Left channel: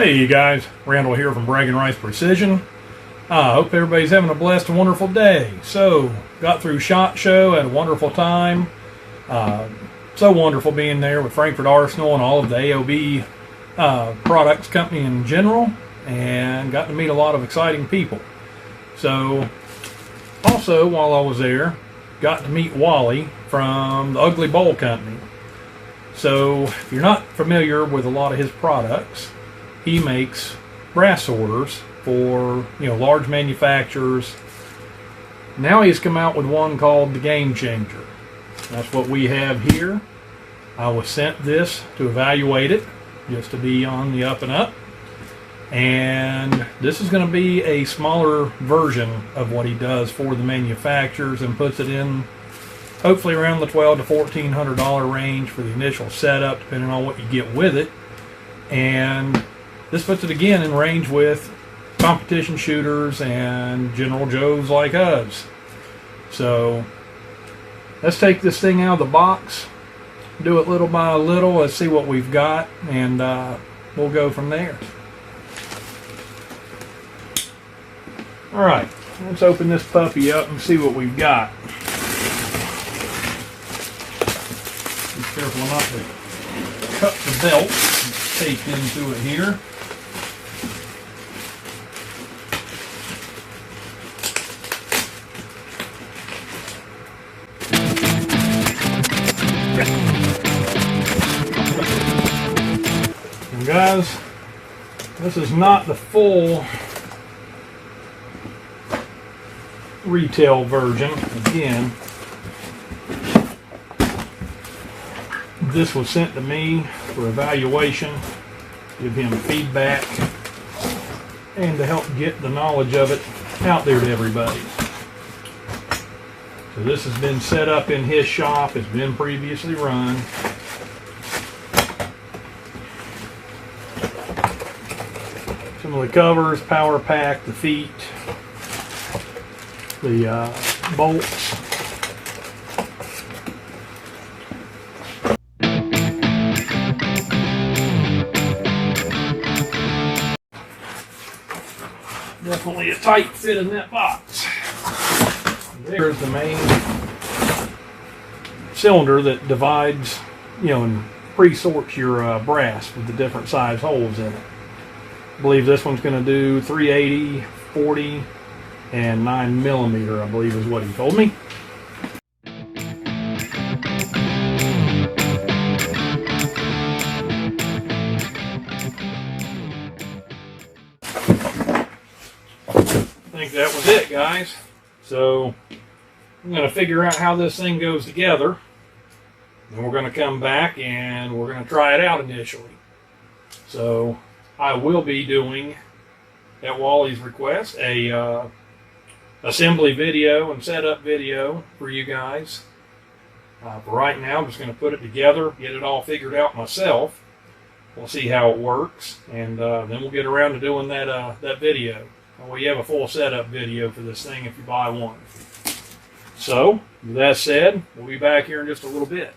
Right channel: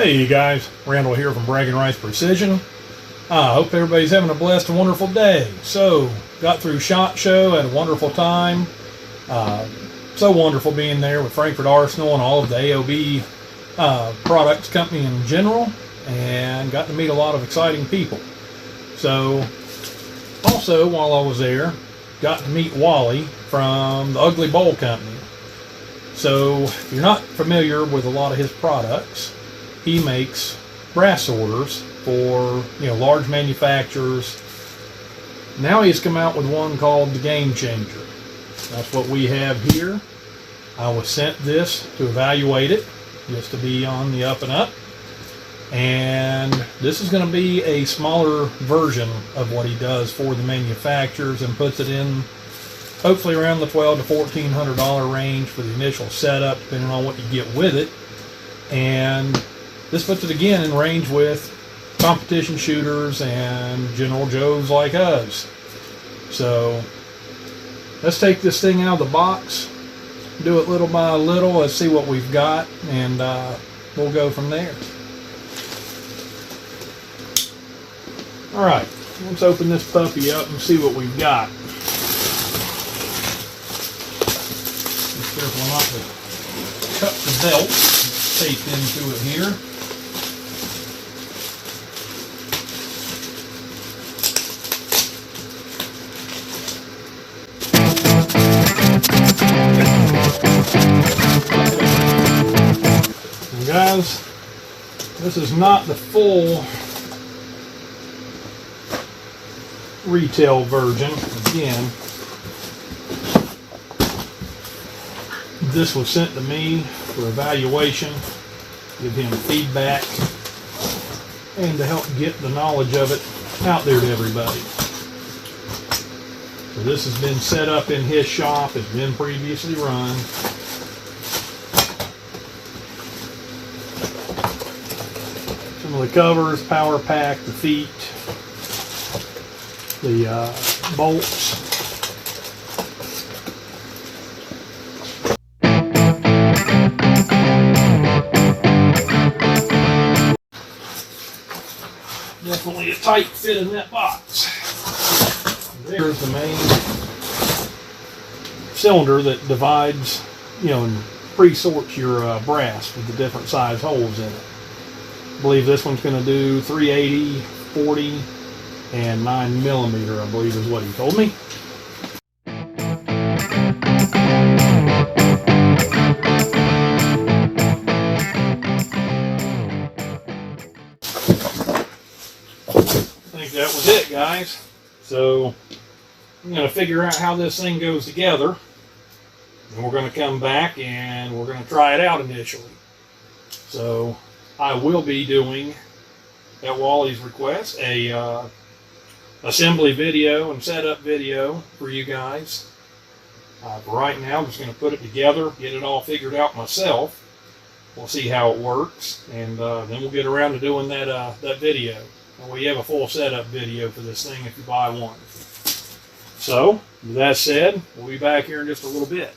Hey you guys, Randall here from BragginRights Precision. I hope everybody's having a blessed and wonderful day. So, got through SHOT Show, had a wonderful time. So wonderful being there with Frankfurt Arsenal and all of the AOB products company in general, and got to meet a lot of exciting people. So, also while I was there, got to meet Wally from the Ugly Bowl Company. So, if you're not familiar with a lot of his products, he makes brass orders for, large manufacturers. Now he's come out with one called the Game Changer. That's what we have here. I was sent this to evaluate it, just to be on the up and up. And this is going to be a smaller version of what he does for the manufacturers, and puts it in hopefully around the $1,200 to $1,400 range for the initial setup, depending on what you get with it. And this puts it again in range with competition shooters and General Joes like us. So let's take this thing out of the box, do it little by little. Let's see what we've got, and we'll go from there. Alright, let's open this puppy up and see what we've got. Be careful not to cut the belt that's taped into it here. And guys, this is not the full retail version. Again, this was sent to me for evaluation, give him feedback, and to help get the knowledge of it out there to everybody. So this has been set up in his shop. It's been previously run. Some of the covers, power pack, the feet, the bolts. Definitely a tight fit in that box. There's the main cylinder that divides, and pre-sorts your brass with the different size holes in it. I believe this one's going to do 380, 40, and 9mm, I believe is what he told me. I think that was it, guys. So I'm going to figure out how this thing goes together. Then we're going to come back and we're going to try it out initially. So I will be doing, at Wally's request, a assembly video and setup video for you guys. For right now, I'm just going to put it together, get it all figured out myself. We'll see how it works, and then we'll get around to doing that video. We have a full setup video for this thing if you buy one. So, with that said, we'll be back here in just a little bit.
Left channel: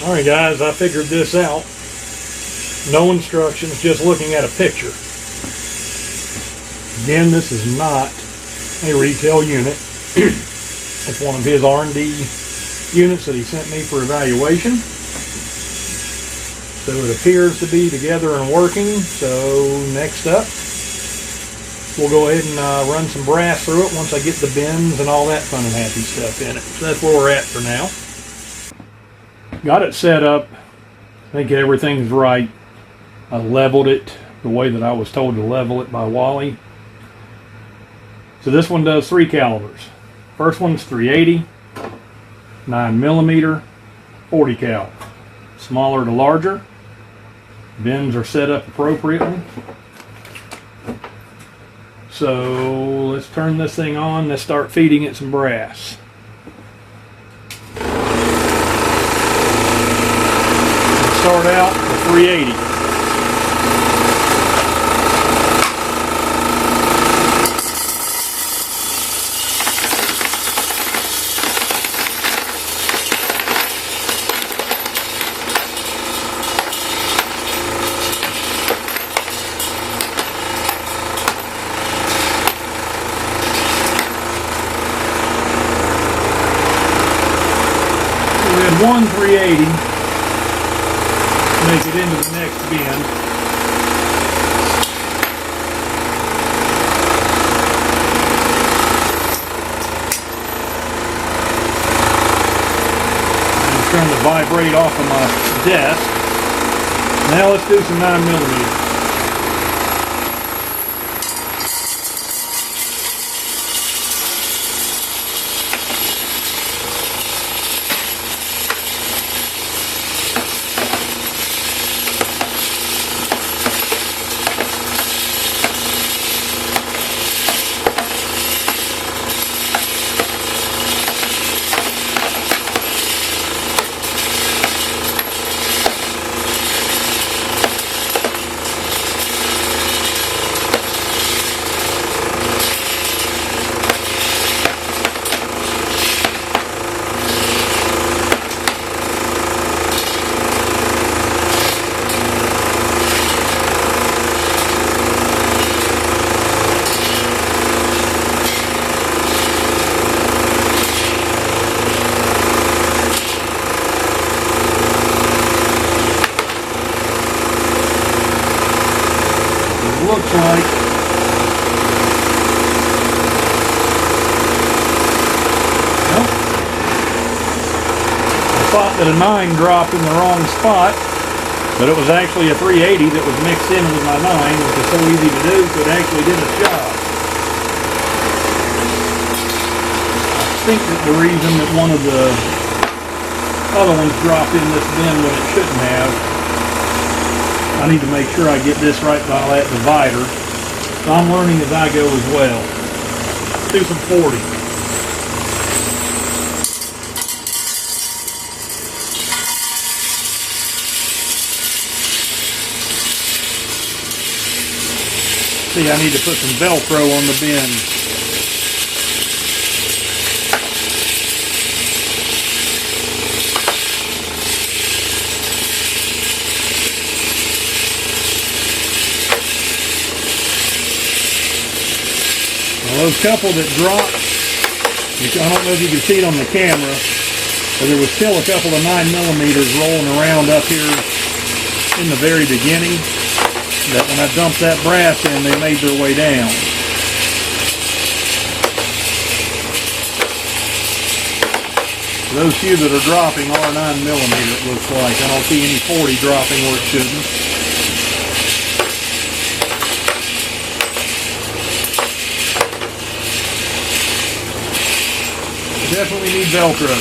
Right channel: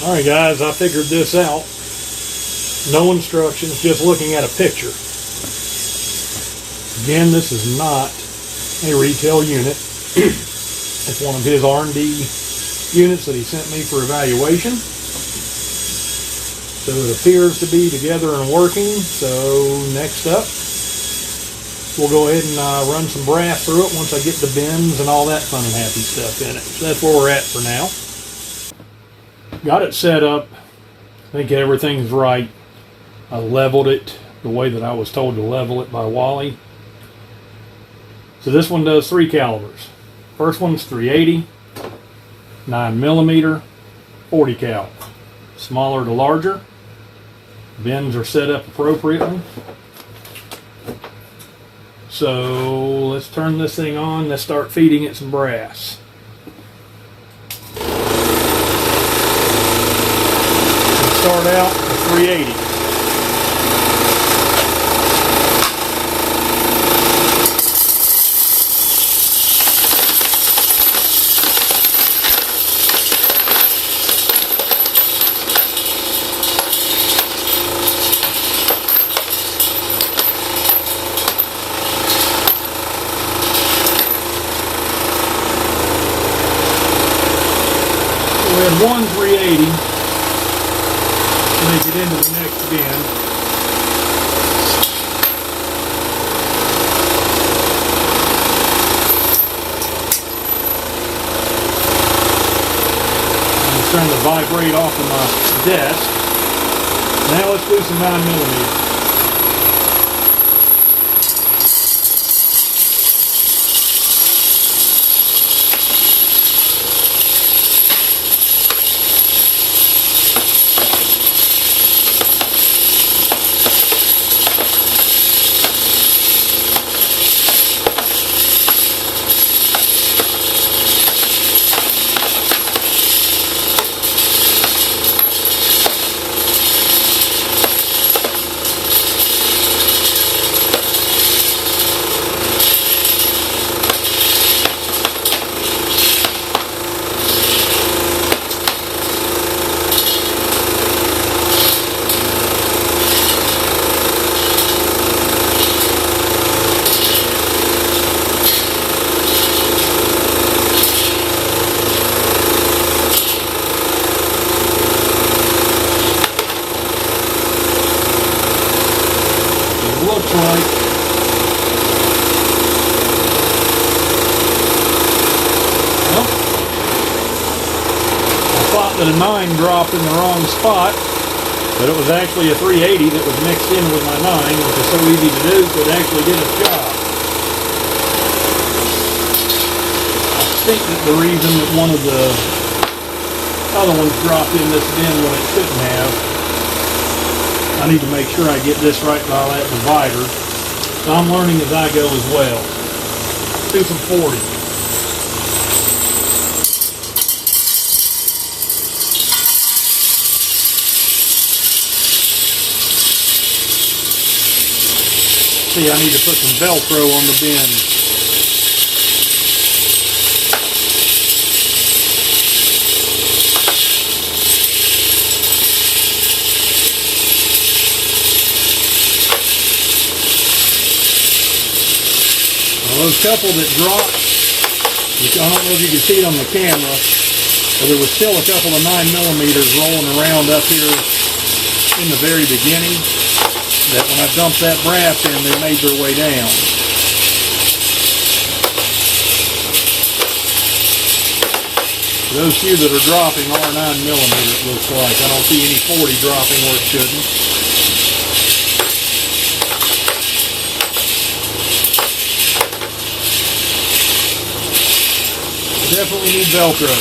Alright guys, I figured this out. No instructions, just looking at a picture. Again, this is not a retail unit. It's one of his R&D units that he sent me for evaluation. So it appears to be together and working. So next up, we'll go ahead and run some brass through it once I get the bends and all that fun and happy stuff in it. So that's where we're at for now. Got it set up. I think everything's right. I leveled it the way that I was told to level it by Wally. So this one does 3 calibers. First one's 380, 9mm, 40 cal. Smaller to larger. Bends are set up appropriately. So let's turn this thing on. Let's start feeding it some brass. Let's start out with 380. One 380, make it into the next bend. I'm starting to vibrate off of my desk. Now let's do some 9mm. Looks like. Well, I thought that a 9 dropped in the wrong spot, but it was actually a 380 that was mixed in with my 9, which is so easy to do, so it actually did its job. I think that the reason that one of the other ones dropped in this bend when it shouldn't have, I need to make sure I get this right by that divider. So I'm learning as I go as well. Let's do some 40. See, I need to put some Velcro on the bend. Those couple that dropped, I don't know if you can see it on the camera, but there was still a couple of 9mm rolling around up here in the very beginning. But when I dumped that brass in, they made their way down. Those few that are dropping are 9mm, it looks like. I don't see any 40 dropping where it shouldn't. Definitely need Velcro.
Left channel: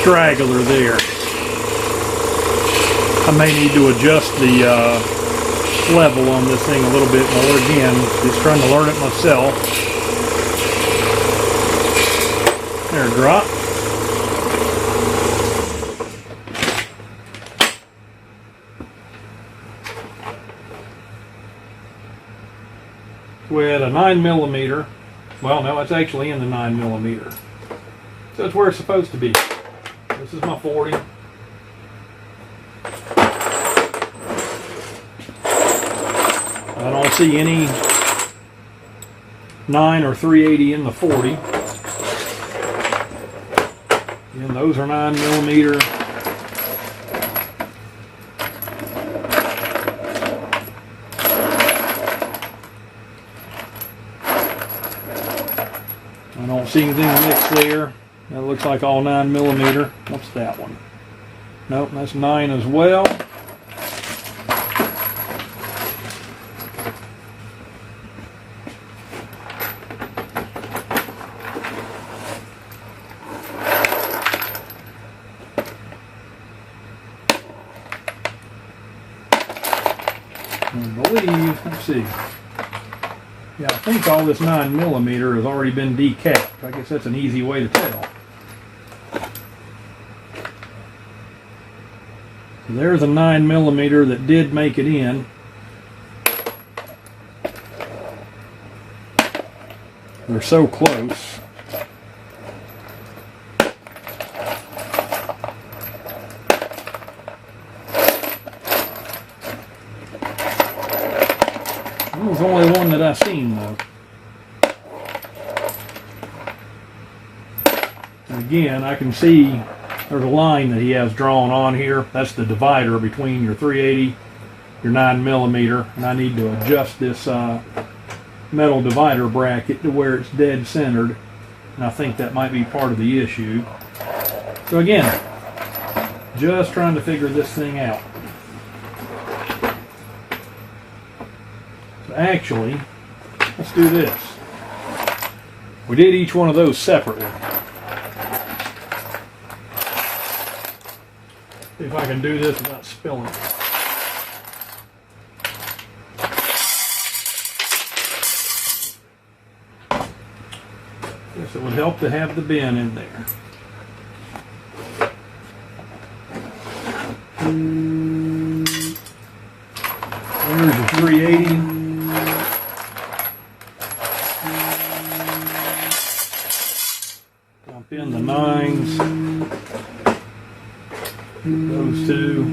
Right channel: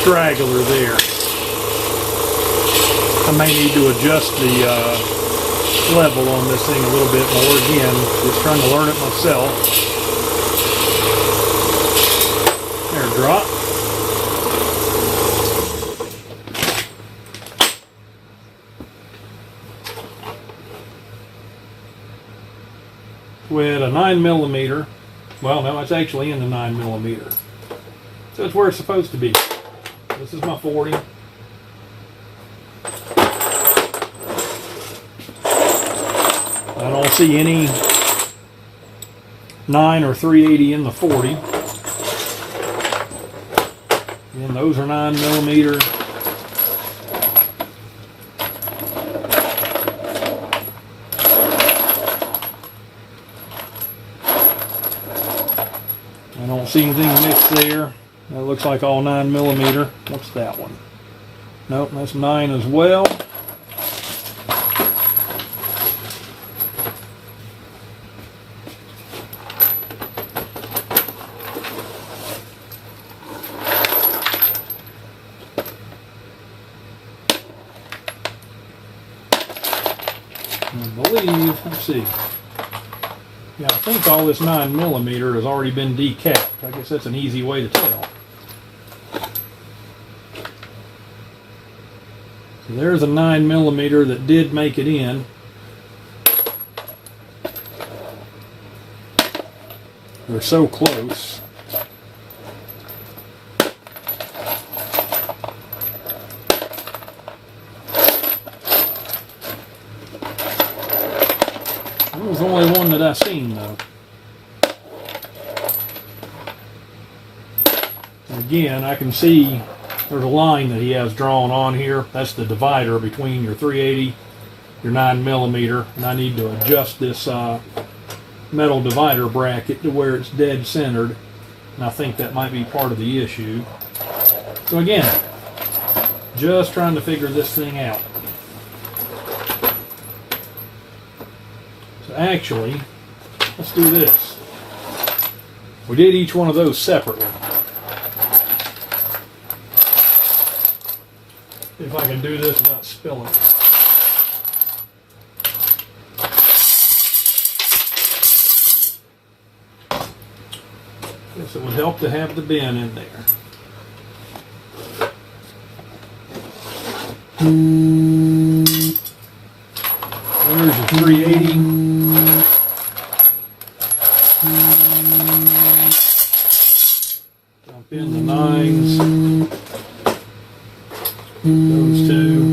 Straggler there. I may need to adjust the level on this thing a little bit more. Again, just trying to learn it myself. There, drop. With a 9mm. Well, no, it's actually in the 9mm. So it's where it's supposed to be. This is my 40. I don't see any 9 or 380 in the 40. Again, those are 9mm. I don't see anything mixed there. That looks like all 9mm. What's that one? Nope, that's 9 as well. I believe, let's see. Yeah, I think all this 9mm has already been decapped. I guess that's an easy way to tell. So there's a 9mm that did make it in. They're so close. That was the only one that I seen though. And again, I can see there's a line that he has drawn on here. That's the divider between your 380, your 9mm, and I need to adjust this metal divider bracket to where it's dead centered, and I think that might be part of the issue. So again, just trying to figure this thing out. So actually, let's do this. We did each one of those separately. See if I can do this without spilling. Guess it would help to have the bin in there. There's your 380. Dump in the 9s. Those two.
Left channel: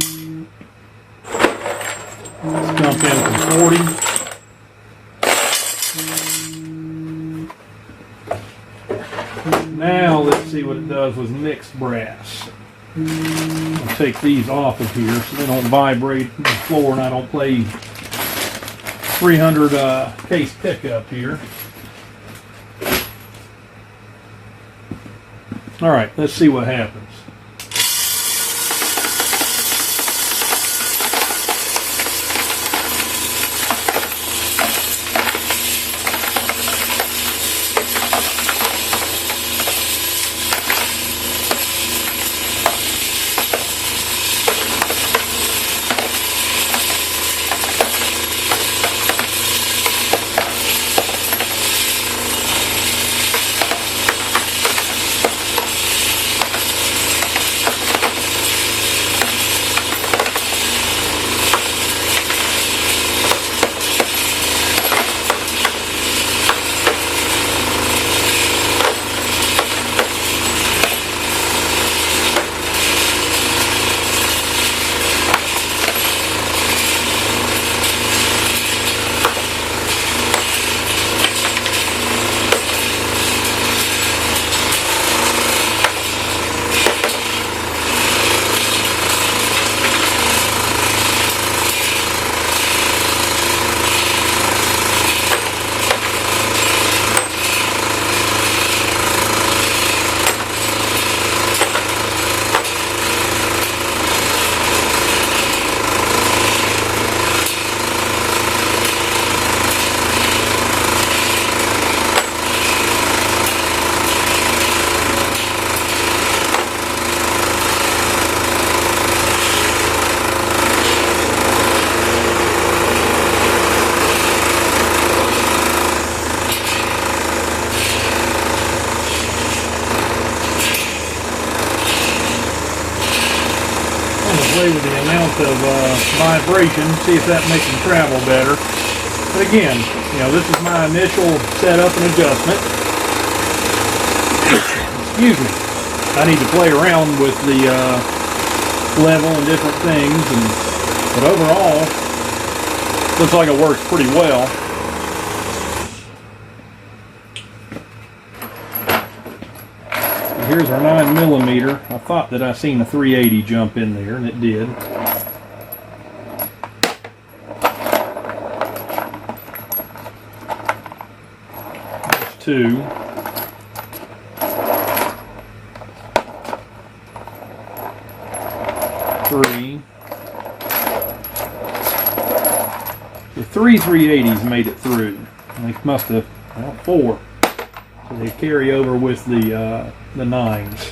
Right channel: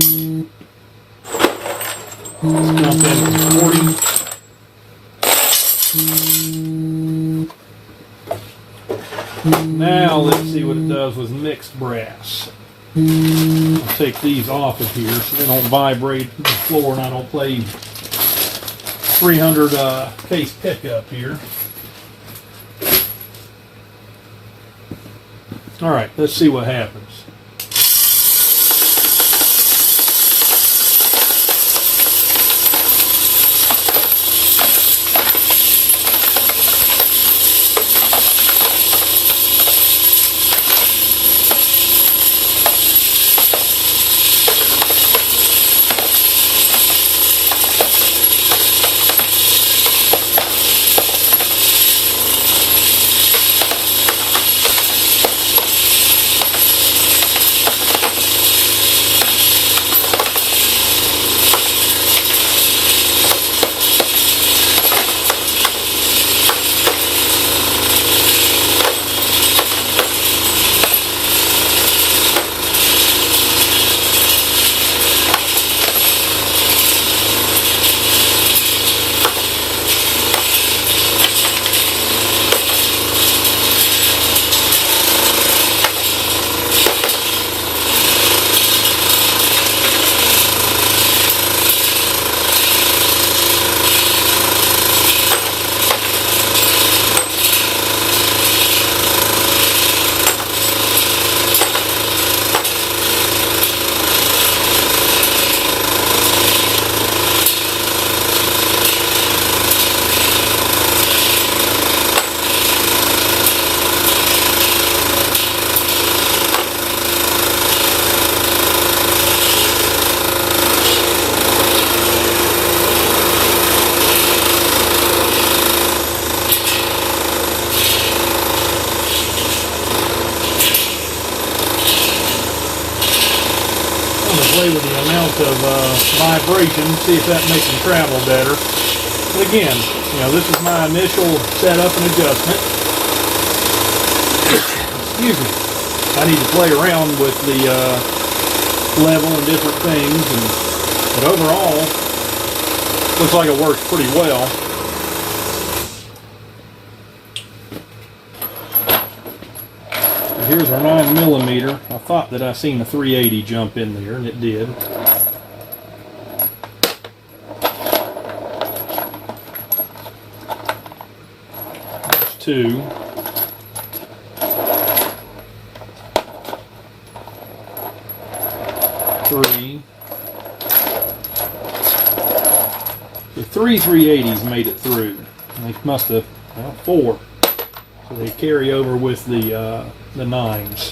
Let's jump in from 40. Now let's see what it does with mixed brass. I'll take these off of here so they don't vibrate the floor and I don't play 300 case pickup here. Alright, let's see what happens. play with the amount of vibration, see if that makes them travel better. But again, you know, this is my initial setup and adjustment. Excuse me. I need to play around with the level and different things, but overall, looks like it works pretty well. Here's our 9mm. I thought that I seen a 380 jump in there, and it did. There's 2. Three. The 380s made it through. They must have, well, 4. So they carry over with the 9s.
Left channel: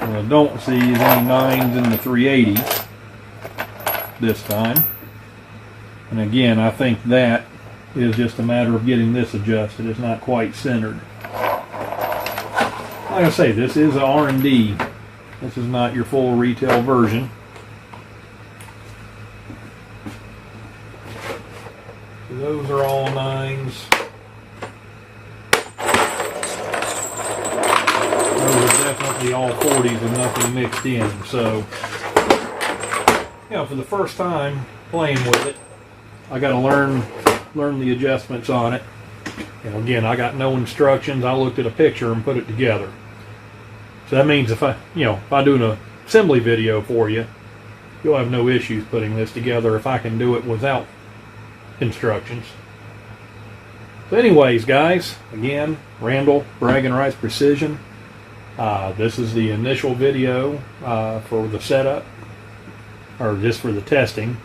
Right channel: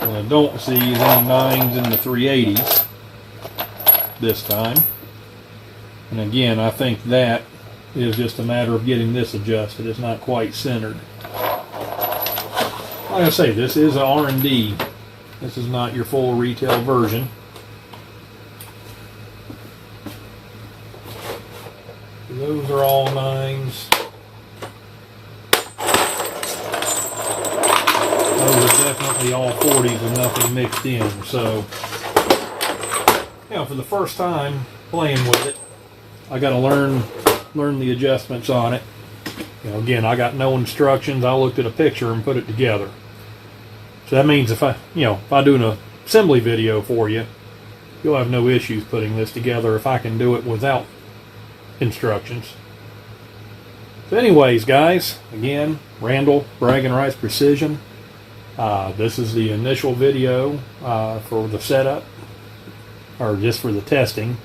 What I don't see is any 9s in the 380s this time. And again, I think that is just a matter of getting this adjusted. It's not quite centered. Like I say, this is a R&D. This is not your full retail version. Those are all 9s. Those are definitely all 40s and nothing mixed in. So, you know, for the first time playing with it, I got to learn the adjustments on it. You know, again, I got no instructions. I looked at a picture and put it together. So that means if I do an assembly video for you, you'll have no issues putting this together if I can do it without instructions. So anyways, guys, again, Randall, BragginRights Precision. This is the initial video for the setup, or just for the testing.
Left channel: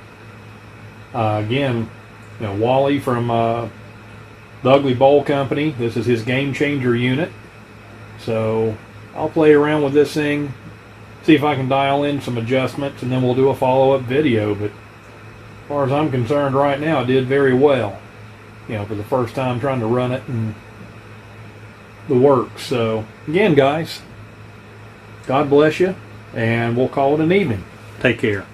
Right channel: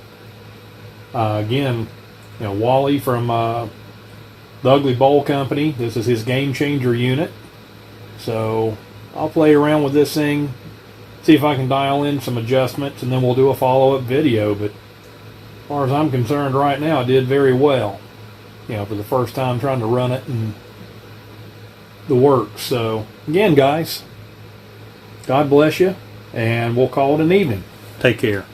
Again, you know, Wally from the Ugly Bowl Company. This is his Game Changer unit. So I'll play around with this thing, see if I can dial in some adjustments, and then we'll do a follow-up video. But as far as I'm concerned right now, it did very well. You know, for the first time trying to run it and the works. So again, guys, God bless you, and we'll call it an evening. Take care.